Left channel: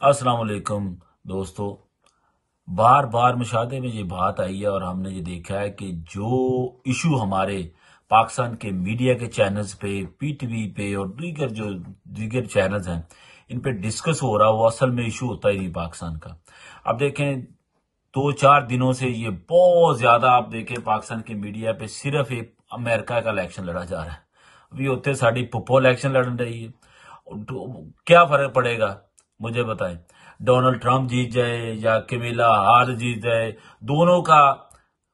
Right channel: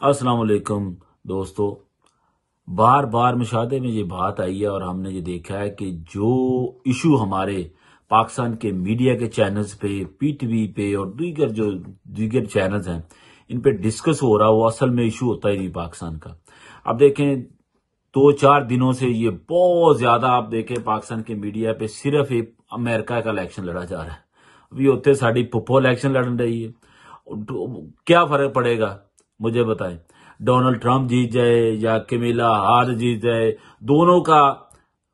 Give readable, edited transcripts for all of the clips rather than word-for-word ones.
السلام علیکم دوستو، بار بار مشاہدے میں یہ بات آئی ہے اور ہم نے یہ دیکھا ہے کہ جو ایشو ہمارے پاکستان کے میڈیا کے چینلز پہ، پی ٹی وی پہ اور دیگر چینلز ہیں، ان پہ ڈسکس ہو رہا، وہ اصل میں ایشو ہوتا ہی نہیں پاکستان کا۔ اب دیکھیں 2-4 دنوں سے یہ بہت زیادہ آپ دیکھیں پاکستان کے میڈیا پہ صرف ایک امریکہ کا الیکشن لڑا جا رہا ہے۔ ابھی ہوتے ساڑی پپو الیکشن لڑ رہی ہے، کیا فرق پڑے گا مجھے بتائیں؟ ڈونلڈ ٹرمپ جیت جائے یا کمیلا ہار جیت جائے، دونوں کا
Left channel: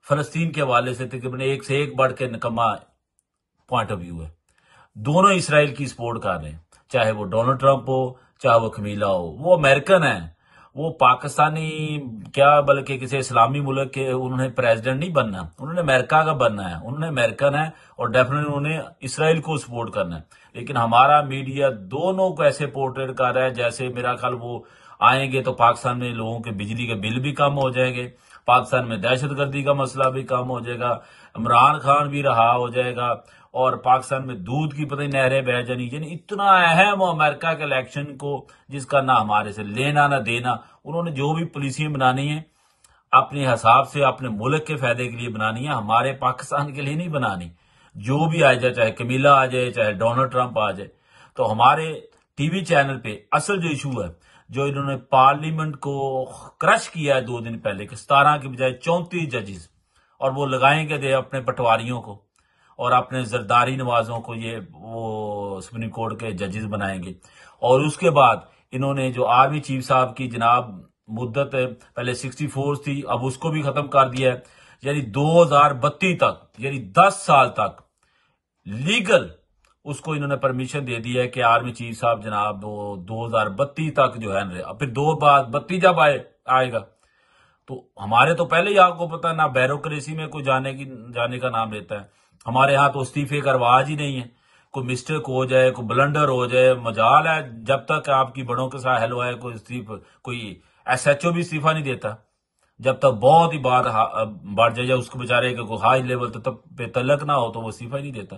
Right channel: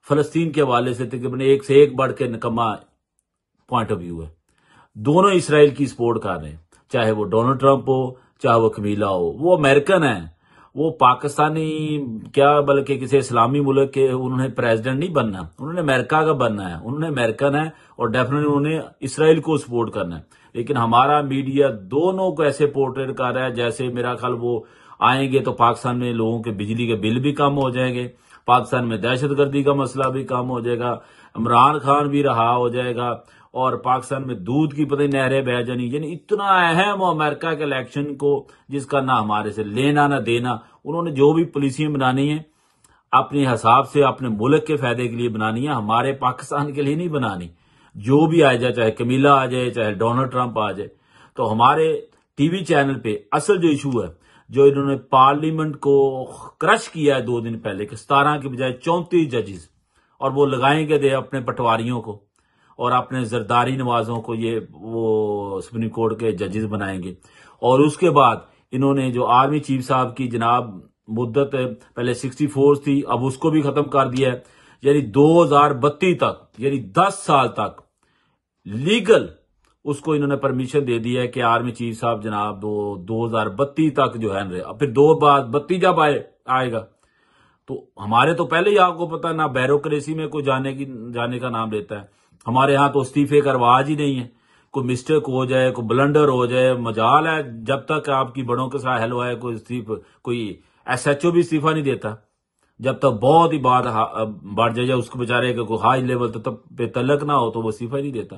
فلسطین کے حوالے سے تقریباً ایک سے ایک بڑھ کے نکما پوائنٹ آف ویو ہے۔ دونوں اسرائیل کی سپورٹ کر رہے ہیں، چاہے وہ ڈونلڈ ٹرمپ ہو چاہے وہ کمیلا ہو۔ وہ امریکن ہیں، وہ پاکستانی کیا بلکہ کسی اسلامی ملک کے انہوں نے پریزیڈنٹ نہیں بننا، انہوں نے امریکہ کا بننا ہے۔ انہوں نے امریکن ہے اور ڈیفینیٹلی انہوں نے اسرائیل کو سپورٹ کرنا ہے۔ لیکن ہمارا میڈیا دونوں کو ایسے پورٹریٹ کر رہا ہے جیسے میرا خیال وہ آئیں گے تو پاکستان میں لوگوں کے بجلی کے بل بھی کم ہو جائیں گے، پاکستان میں دہشت گردی کا مسئلہ بھی کم ہو جائے گا، عمران خان بھی رہا ہو جائے گا، اور پاکستان میں دودھ کی پتہ نہریں بہ جانی۔ یعنی اتنا اہم امریکہ کے الیکشن کو جس کا نہ ہمارے سے لینا نہ دینا، انہوں نے جو بھی پالیسیاں بنانی ہے اپنے حساب سے اپنے ملک کے فائدے کے لیے بنانی ہے، ہمارے پاکستان کے لیے نہیں بنانی۔ جو بھی آ جائے، چاہے کمیلا آ جائے چاہے ڈونلڈ ٹرمپ آ جائے، تو ہمارے ٹی وی چینل پہ اصل جو ایشو ہے، جو انہوں نے پارلیمنٹ کو کرش کیا ہے 2 دن پہلے کہ 17 کے بجائے 34 ججز، اور وہ لگائیں گے دے اپنے پٹواریوں کو اور اپنے زرداری نوازوں کو، یہ وہ سپریم کورٹ کے ججز بنائیں گے۔ اور اس کے بعد انہوں نے جو آرمی چیف صاحب کی جناب مدت پہلے 64 تھی، اب اس کو بھی ختم کر دیا ہے، یعنی 2032 تک، یعنی 10 سال تک لیگل اس کو انہوں نے پرمیشن دے دی ہے کہ آرمی چیف صاحب جناب وہ 2032 تک جو ہے، پھر 2032 جب آئے گا تو ہمارے تو پہلے ہی آپ کو پتا نہ بیوروکریسی میں کوئی جانے کا نام لیتا ہے۔ ہمارے ہاں تو استعفے کا رواج ہی نہیں ہے، کوئی مسٹیک ہو جائے، کوئی بلنڈر ہو جائے، مجال ہے جب تک آپ کی بڑوں کے ساتھ حل ہوا ہے کوئی ایس ایچ او بھی استعفیٰ نہیں دیتا جب تک بہت ہی بات بڑھ جائے، اس کو بیچارے کہ کوئی ہائی لیول پہ تلک نہ ہو تو وہ استعفیٰ نہیں دیتا۔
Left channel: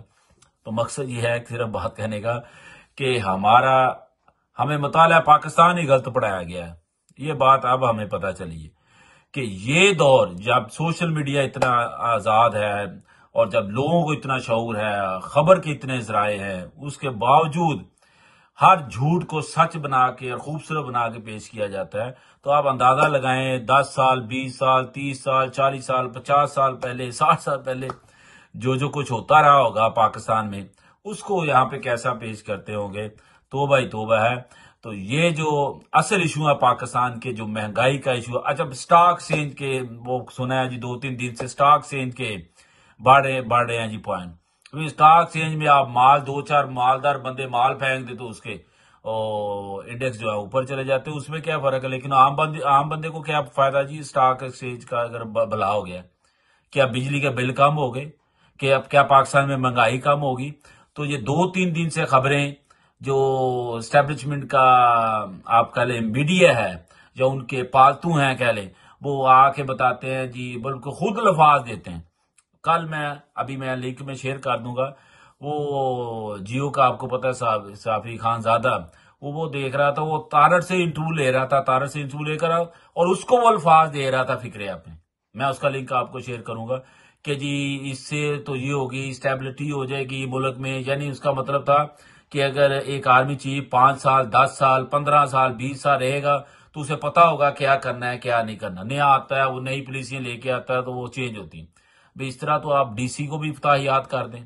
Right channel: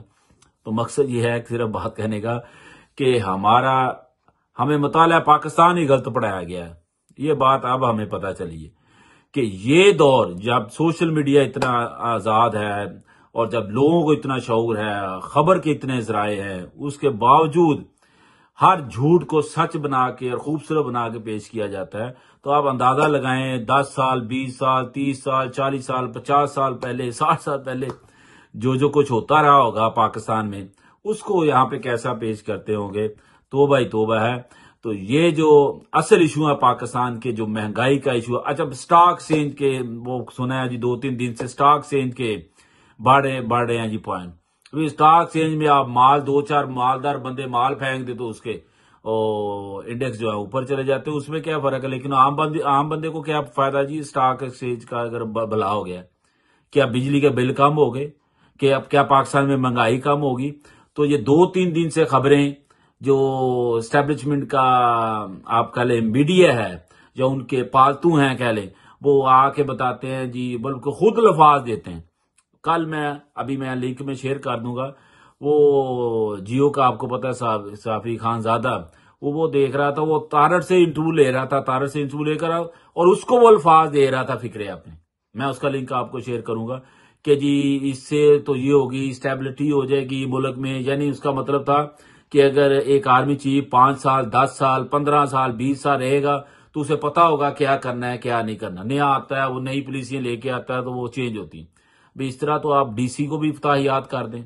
تو مقصد یہ ہے صرف بات کہنے کا کہ ہمیں مطالعہ پاکستان ہی غلط پڑھایا گیا ہے۔ یہ بات اب ہمیں پتہ چلی ہے کہ یہ دور جب سوشل میڈیا اتنا آزاد ہے اور جب لوگوں کو اتنا شعور ہے، خبر کے اتنے ذرائع ہیں، اس کے باوجود ہر جھوٹ کو سچ بنا کے اور خوبصورت بنا کے پیش کیا جاتا ہے۔ تو آپ اندازہ لگائیں 10 سال 20 سال 30 سال 40 سال 50 سال پہلے 60 سال پہلے جو کچھ ہوتا رہا ہوگا پاکستان میں، اس کو یہاں پہ کیسا پیش کرتے ہوں گے۔ توبہ ہی توبہ ہے۔ تو یہ جو اصل ایشو ہے پاکستان کے، جو مہنگائی کا ایشو ہے، اچھا سٹاک سینج کے وہ سنا ہے جی 2-3 دن سے سٹاک سینج کے بڑھ رہے ہیں جی پوائنٹ۔ سٹاک چینج میں آپ 2-4 مالدار بندے مال پھینک دے تو اس کے انڈیکس جو ہے اوپر چلے جاتے ہیں، اس میں کیا فرق ہے؟ لیکن عام بندے کو کیا فائدہ جی سٹاک ایکسچینج کا اگر بھلا ہو گیا؟ کیا بجلی کے بل کم ہو گئے؟ کہ اب کیا پاکستان میں مہنگائی کم ہوگی؟ تو یہ 2-3 دن سے خبریں جو اسٹیبلشمنٹ کا آپ کہہ لیں میڈیا ہے یا ان کے پالتو ہیں کہہ لیں، وہ آ کے بتاتے ہیں جی، بلکہ خود الفاظ دیتے ہیں۔ کل ابھی میں لنک میں شیئر کر دوں گا، وہ جیو کا آپ کو پتا ہے صافی خان زادہ، وہ دیکھ رہا تھا، وہ تارڑ سے انٹرویو لے رہا تھا، تارڑ سے انٹرویو لے کر اور اس کو وہ الفاظ دے رہا تھا فکرے اپنے۔ میں اس کا لنک آپ کو شیئر کروں گا کہ جی اس سے تو یہ ہوگی، اسٹیبلٹی ہو جائے گی ملک میں۔ یعنی اس کا مطلب تھا کہ اگر ایک آرمی چیف 5 سال 10 سال 15 سال 20 سال رہے گا تو اسے پتا ہوگا کیا کرنا ہے کیا نہیں کرنا۔ نیا آتا ہے وہ نئی پالیسیاں لے کے آتا ہے تو وہ چینج ہوتی ہیں۔ اس طرح تو آپ ڈی سی کو بھی تاحیات کر دیں،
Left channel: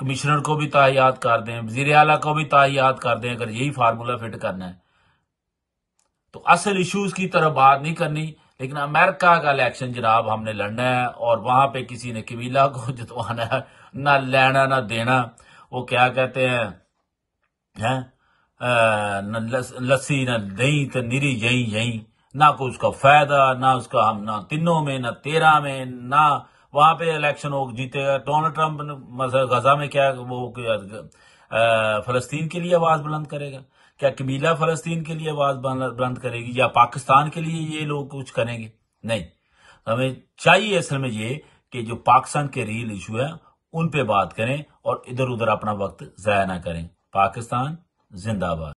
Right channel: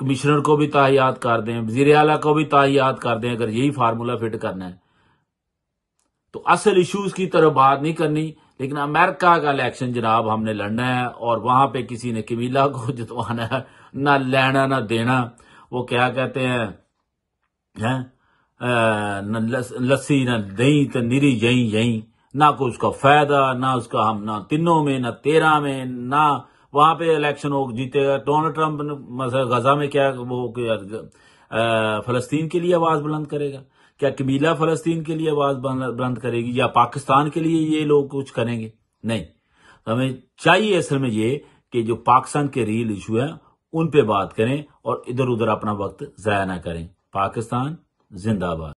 کمشنر کو بھی تاحیات کر دیں، وزیر اعلیٰ کو بھی تاحیات کر دیں، اگر یہی فارمولا فٹ کرنا ہے تو اصل ایشوز کی طرف بات نہیں کرنی۔ لیکن امریکہ کا الیکشن جناب ہم نے لڑنا ہے، اور وہاں پہ کسی نے کمیلا کو جتوانا ہے، نہ لینا نہ دینا۔ وہ کیا کہتے ہیں، نہ لسی نہ دہی تو نری یہیں، نہ کوئی اس کا فائدہ، نہ اس کا ہم نہ 3 میں نہ 13 میں، نہ وہاں پہ الیکشن ہو جیتے گا۔ ڈونلڈ ٹرمپ غزہ میں کیا وہ فلسطین کے لیے آواز بلند کرے گا؟ کیا کمیلا فلسطین کے لیے آواز بلند کرے گی یا پاکستان کے لیے یہ لوگ کچھ کریں گے؟ نہیں، ہمیں چاہیے اصل میں یہ کہ جو پاکستان کے ریل ایشو ہیں ان پہ بات کریں اور ادھر ادھر اپنا وقت ضائع نہ کریں۔ پاکستان زندہ باد۔